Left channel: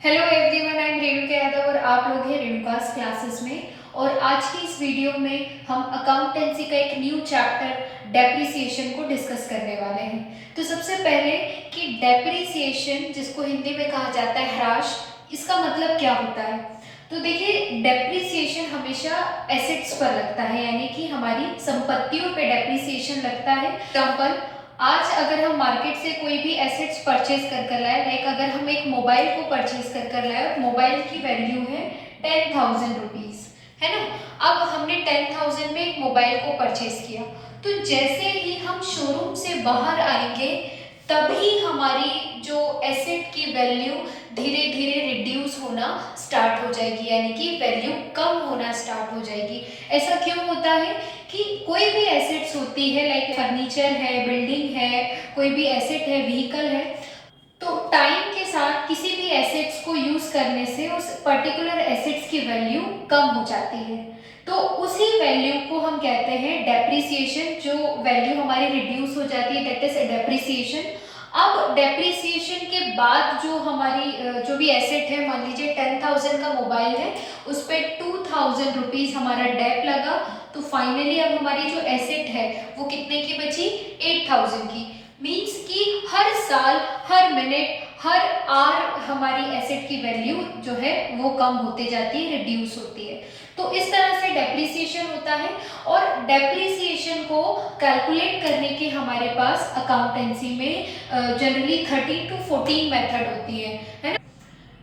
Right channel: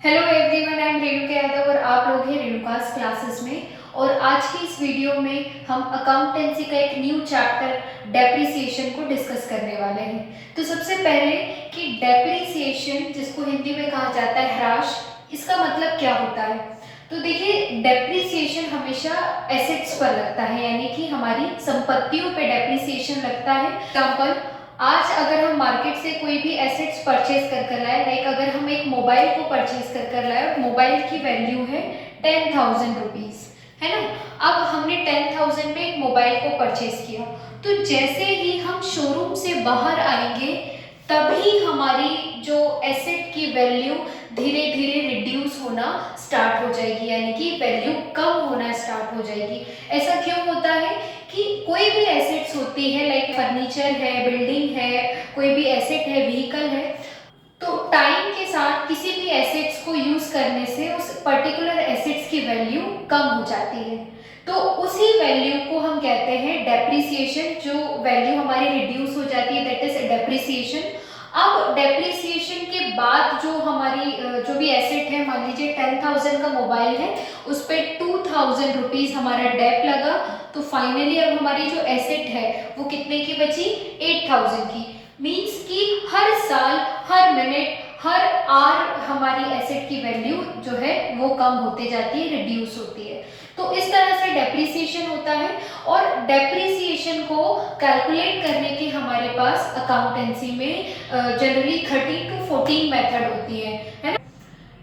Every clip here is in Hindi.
Hello everyone, I am Renuka Yadav और आप लोग हैं रेणुकास क्लासेस में। और आज की इस वीडियो में हम अकाउंटेंसी का एक न्यू चैप्टर डेप्रिसिएशन को डिस्कस करने वाले हैं। तो सबसे पहले कि डेप्रिसिएशन, जिसको हिंदी में कहा जाता है ह्रास, इसका मतलब क्या होता है। तो देखिए, डेप्रिसिएशन हमेशा एसेट्स पर लगता है, यानी कि हमारी संपत्तियों पे डेप्रिसिएशन लगता है। एग्जाम्पल, आज अगर हम मार्केट से कोई भी एसेट्स परचेज कर लाए, लाइक अगर हम एक मोबाइल को परचेज कर लाए और मोबाइल की वैल्यू है 10,000 रुपीज, है ना। अब हमने 10,000 में एक मोबाइल को परचेज किया, तो जैसे ही हम शोरूम से बाहर आएंगे तभी हमारी जो एसेट की वैल्यू धीरे धीरे रिड्यूस होना स्टार्ट हो जाएगी, यानी कि वैल्यू कम होना स्टार्ट हो जाएगी। ऐसा क्यों होता है कि कोई भी एसेट्स होती है, लाइक फर्नीचर है, बिल्डिंग है, कोई भी एसेट है, व्हीकल है, तो टाइम के साथ किसी भी एसेट्स को यूज करने से उस पर्टिकुलर एसेट्स की वैल्यू कम हो जाती है। तो उसी वैल्यू को हम कहते हैं डेप्रिसिएशन। जो वैल्यू हमारी रिड्यूस हो जाती है, दैट इज डेप्रिसिएशन। अब डेप्रिसिएशन के बाद जो हमारी जो भी एसेट है, मान लीजिए 10,000 का मोबाइल है, उस पर 2,000 रुपीज हमारा डेप लगा, तो फाइनली अब हमारी जो एसेट है वो कितने की बची, 8,000 की। मीन्स कि हर साल, हर मिनट, हर आवर हमारी एसेट की वैल्यू जो है वो कम होते जाती है, रिड्यूस होती है। तो इस तरह से डेप्रिसिएशन होता है। और डेप्रिसिएशन को कैलकुलेट करने के हमारे पास अकाउंटेंसी में जनरली 13 to 14 मेथड होती है ना।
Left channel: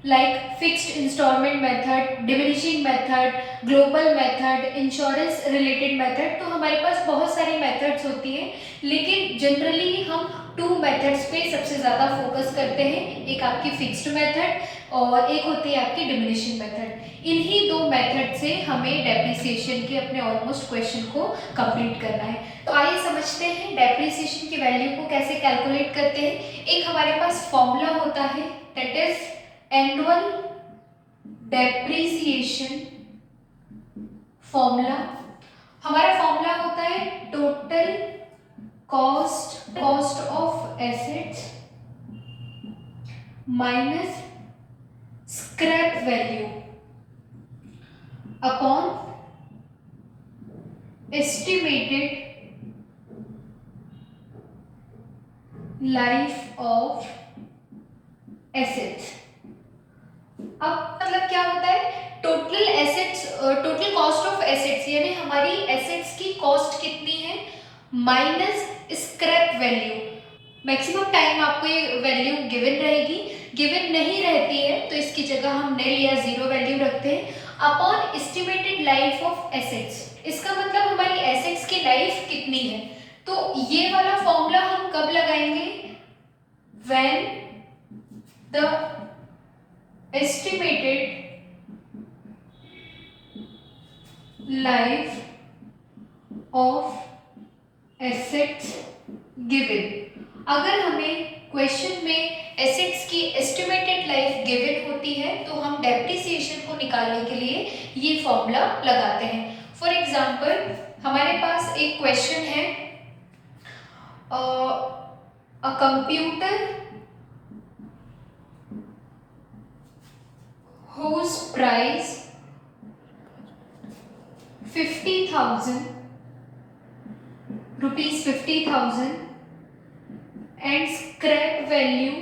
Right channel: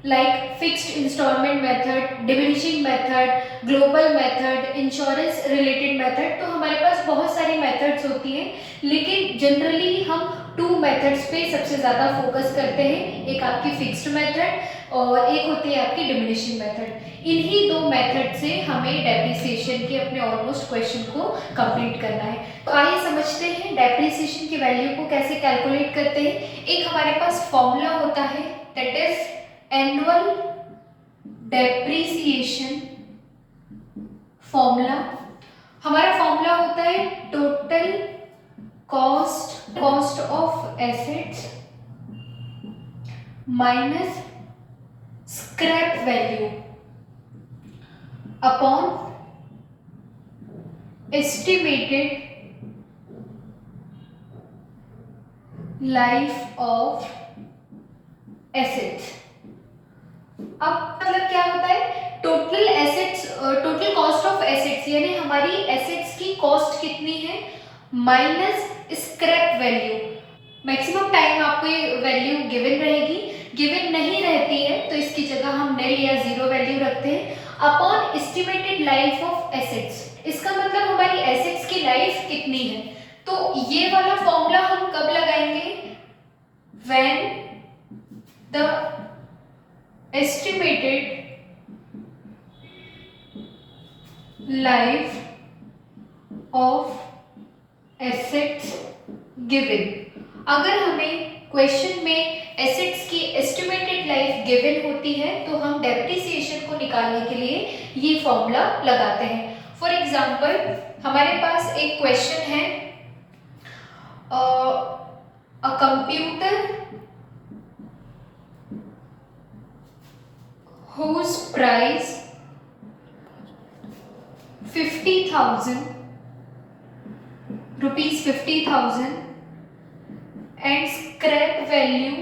Like fixed instalment method, diminishing method, global method, insurance related method. तो हमारे पास बहुत सारी मेथड्स होती हैं, लेकिन जनरली हम टू मेथड्स पे सबसे ज़्यादा फोकस करते हैं। एक आपकी फिक्स्ड मेथड और एक होती है आपकी डिमिनिशिंग मेथड। इन्हीं दो मेथड से हमें डेप्रिसिएशन के अपने ऑलमोस्ट क्वेश्चन को कंप्लीट करना है। तो आइए समझते हैं डेप्रिसिएशन की वैल्यू को कैसे कैलकुलेट करते हैं। एक हमारे पास फॉर्मूला होता है, that is annual depreciation formula. हमारा फॉर्मूला होता है total cost of assets minus scrap value upon estimated life of assets. अब मतलब क्या होता है, total assets, total cost of assets, यानी हमारी एसेट्स की कॉस्ट कितनी है, minus scrap value. Maximum time आपको ये वैल्यू गिवन रहेगी, गिवन नहीं रहती है तो इसकी जगह हम नल या जीरो वैल्यू रखते हैं, upon estimated life of assets. इसका मतलब हमारी एसेट्स की लाइफ कितनी है। तो ये वाला फॉर्मूला हम कब लगाएंगे, when the estimated life of assets given। अगर हमें क्वेश्चन में एसेट्स की एस्टिमेटेड लाइफ गिवन होती है तो हम डेप्रिसिएशन को निकालने के लिए ये फॉर्मूला लगाते हैं। फॉर एग्जांपल, हमारे पास एक क्वेश्चन है, a computer whose price 50,000 rupees 50,000 and scrap value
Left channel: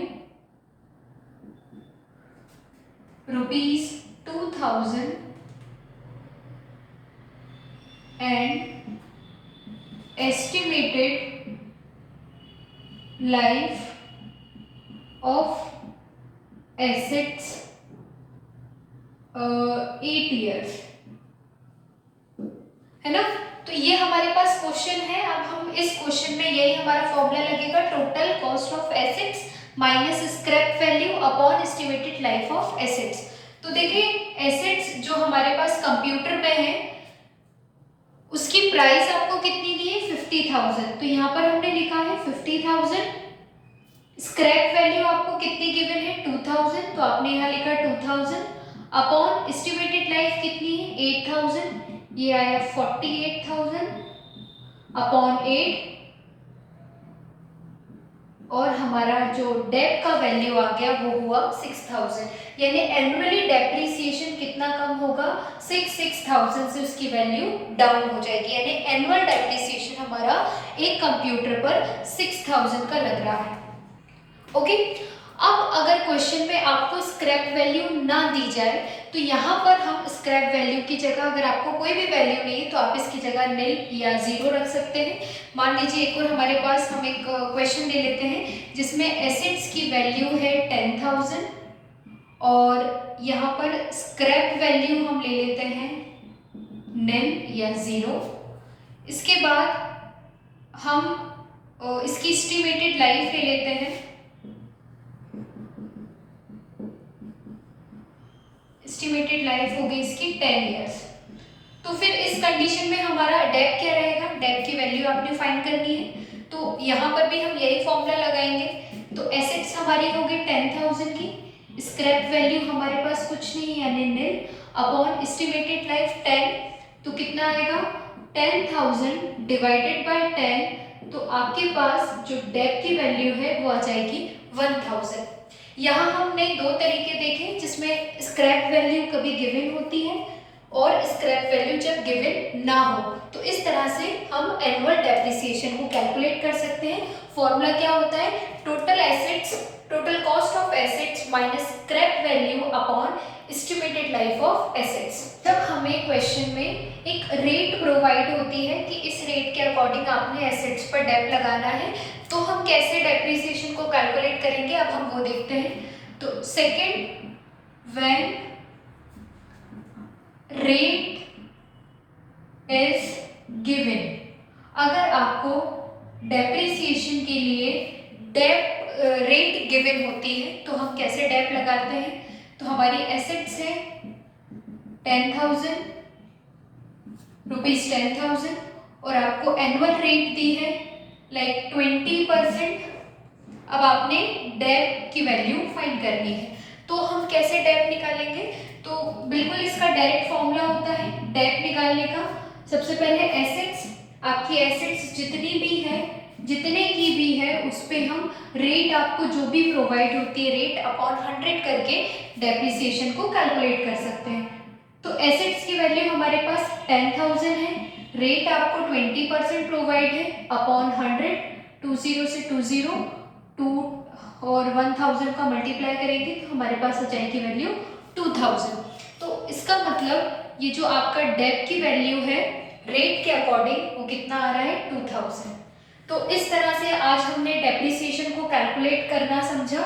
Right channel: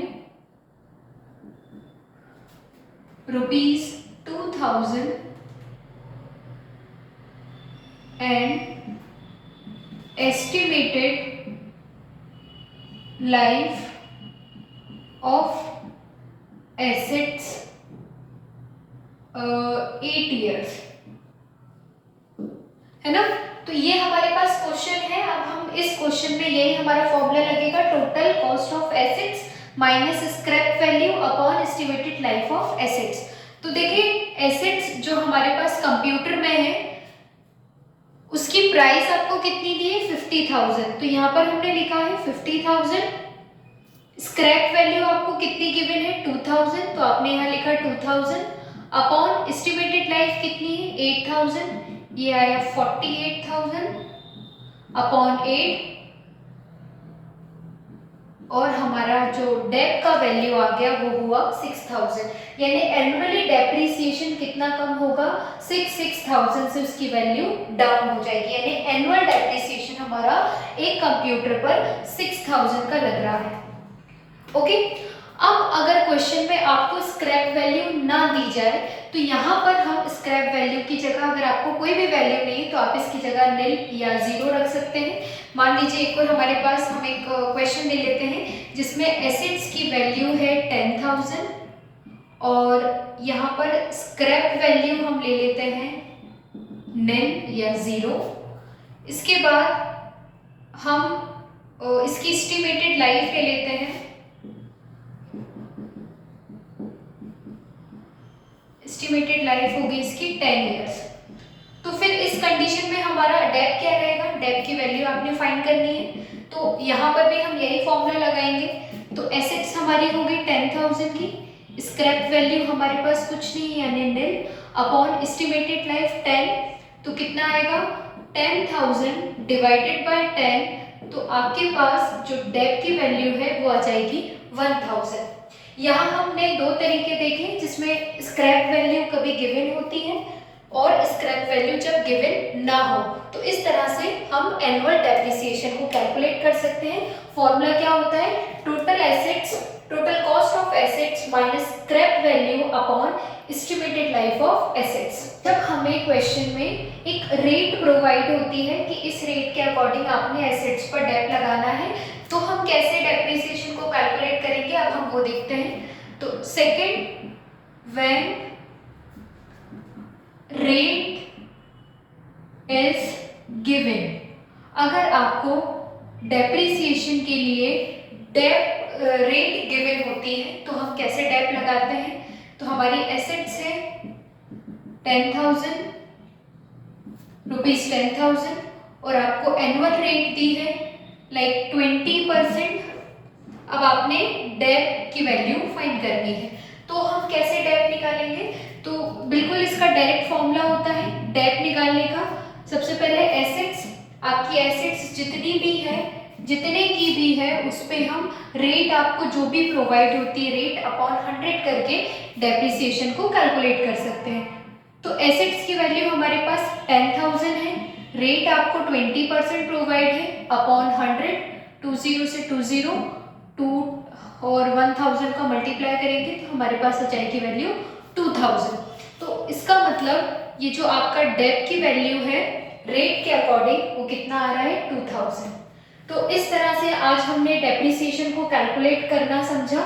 rupees 2,000 and estimated life of assets 8 years, है ना। तो ये हमारे पास क्वेश्चन है। अब हम इस क्वेश्चन में यही हमारा फॉर्मूला लगेगा, total cost of assets minus scrap value upon estimated life of assets. तो देखिए, एसेट्स जो हमारे पास कंप्यूटर में है उसकी प्राइस आपको कितनी दी है, 50,000। तो यहाँ पर हमने लिखा है 50,000। स्क्रैप वैल्यू आपको कितनी गिवन है, 2,000, तो आपने यहाँ लिखा 2,000 अपॉन एस्टिमेटेड लाइफ कितनी है, 8,000, ये आया 48,000 अपॉन 8, और हमारा जो डेट का वैल्यू आ गया वो हुआ 6000, यानी एनुअली डेप्रिसिएशन कितना कम होगा, 6000 से उसकी वैल्यू डाउन हो जाएगी, यानी एनुअल डेप्रिसिएशन हमारा एक कंप्यूटर पर 6000 का लग रहा है। ओके, अब अगर क्वेश्चन में आपको स्क्रैप वैल्यू ना दी जाए तो यहाँ पर हम स्क्रैप वैल्यू की जगह, अगर आपको कोई भी वैल्यू नहीं तो आप इसकी जगह निल या जीरो रख सकते हैं। मान लीजिए एक और हमारे पास हम एक क्वेश्चन ले लेते हैं जिसमें एसेट्स की वैल्यू है 10,000 और यहाँ पर स्क्रैप वैल्यू हम ले लेते हैं निल या जीरो। इसके बाद हम इसकी एस्टिमेटेड लाइफ ले लेते हैं, एस्टिमेटेड लाइफ होगी इसकी 10 इयर्स। तो फिर इस कंडीशन में हमारा डेप क्या रहेगा, डेप की वैल्यू आपने फाइंड करनी है, तो यहाँ पर भी हम यही फॉर्मूला लगाएंगे। तो एसेट्स हमारी होगी 10,000 की, स्क्रैप वैल्यू हमारे पास कुछ नहीं है यानी निल, अपॉन एस्टिमेटेड लाइफ 10, तो कितना आएगा 10,000 डिवाइडेड बाय 10, तो आपके पास जो डेप की वैल्यू है वो आ जाएगी 1000। यहाँ हमने दो तरीके देखे जिसमें स्क्रैप वैल्यू कभी गिवन होती है और स्क्रैप वैल्यू जब गिवन ना हो, तो इस तरह से हम एनुअल डेप्रिसिएशन को कैलकुलेट कर सकते हैं। फॉर्मूला क्या होता है, total assets, total cost of assets minus scrap value upon estimated life of assets. जब हमें क्वेश्चन में एक रेट प्रोवाइड होती है कि इस रेट के अकॉर्डिंग आपने एसेट्स पर डेप लगाना है, तो हम कैसे डेप्रिसिएशन को कैलकुलेट करेंगे, अब हम वो देखते हैं। तो second, when rate is given, अगर आपको डेप्रिसिएशन के लिए डेप रेट गिवन होती है तो हम कैसे डेप लगाते हैं। तो हमारी एसेट्स है 10,000 रुपीज 10,000 और आपको एनुअल रेट दी है लाइक 20%। अब आपने डेप की वैल्यू फाइंड करनी है, तो हम कैसे डेप निकालेंगे, तो बिल्कुल इसका डायरेक्ट फॉर्मूला होता है डेप निकालने का। सबसे पहले एसेट्स, आपकी एसेट्स जितनी भी है, जितने की भी है उस पे हम रेट, आपको जो भी प्रोवाइड होती है रेट अपॉन 100 करके डेप्रिसिएशन को कैलकुलेट कर सकते हैं। तो एसेट्स की वैल्यू हमारे पास 10,000 है, रेट आपको 20% प्रोवाइड है अपॉन 100, 20 से 20 2 और 1000 का मल्टीप्लाई करेंगे तो हमारे पास आ जाएगी वैल्यू 2000। तो इसका मतलब ये जो आपका डेप की वैल्यू है रेट के अकॉर्डिंग वो कितना आ रहा है 2000। तो इस तरह से आज हमने डेप्रिसिएशन को कैलकुलेट करना समझा।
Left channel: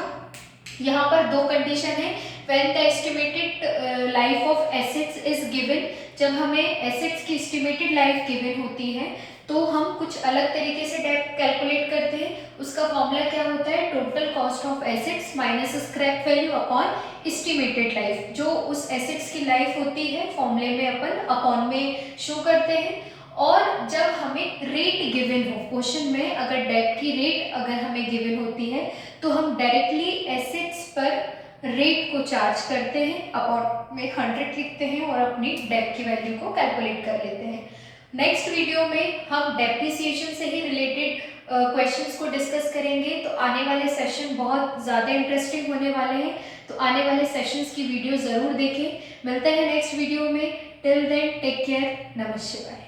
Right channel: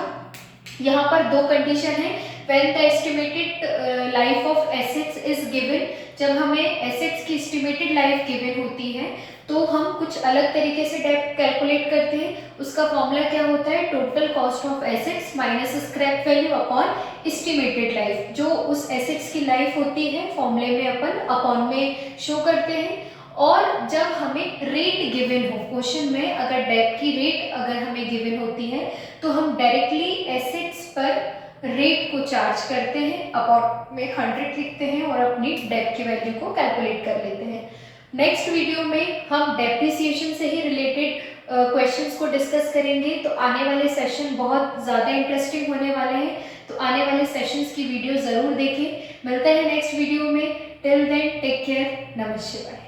यहाँ पर दो कंडीशन है, when the estimated life of assets is given, जब हमें एसेट्स की एस्टिमेटेड लाइफ गिवन होती है तो हम कुछ अलग तरीके से डेप कैलकुलेट करते हैं। उसका फॉर्मूला क्या होता है, total cost of assets minus scrap value upon estimated life. जो उस एसेट्स की लाइफ होती है फॉर्मूले में अपन अपॉन में शो करते हैं। और जब हमें रेट गिवन हो, क्वेश्चन में अगर डेप की रेट अगर हमें गिवन होती है तो हम डायरेक्टली एसेट्स पर रेट को चार्ज करते हैं, अपॉन में 100 लिखते हैं और अपनी डेप की वैल्यू को कैलकुलेट कर लेते हैं। नेक्स्ट वीडियो में हम डेप्रिसिएशन से ही रिलेटेड क्वेश्चंस को डिस्कस करेंगे। तो आने वाले सेशन बहुत ज़्यादा इंटरेस्टिंग होने वाले हैं, तो आने वाले सेशंस की वीडियो ज़रूर देखें। मिलते हैं नेक्स्ट वीडियो में, टिल देन टेक केयर, नमस्ते।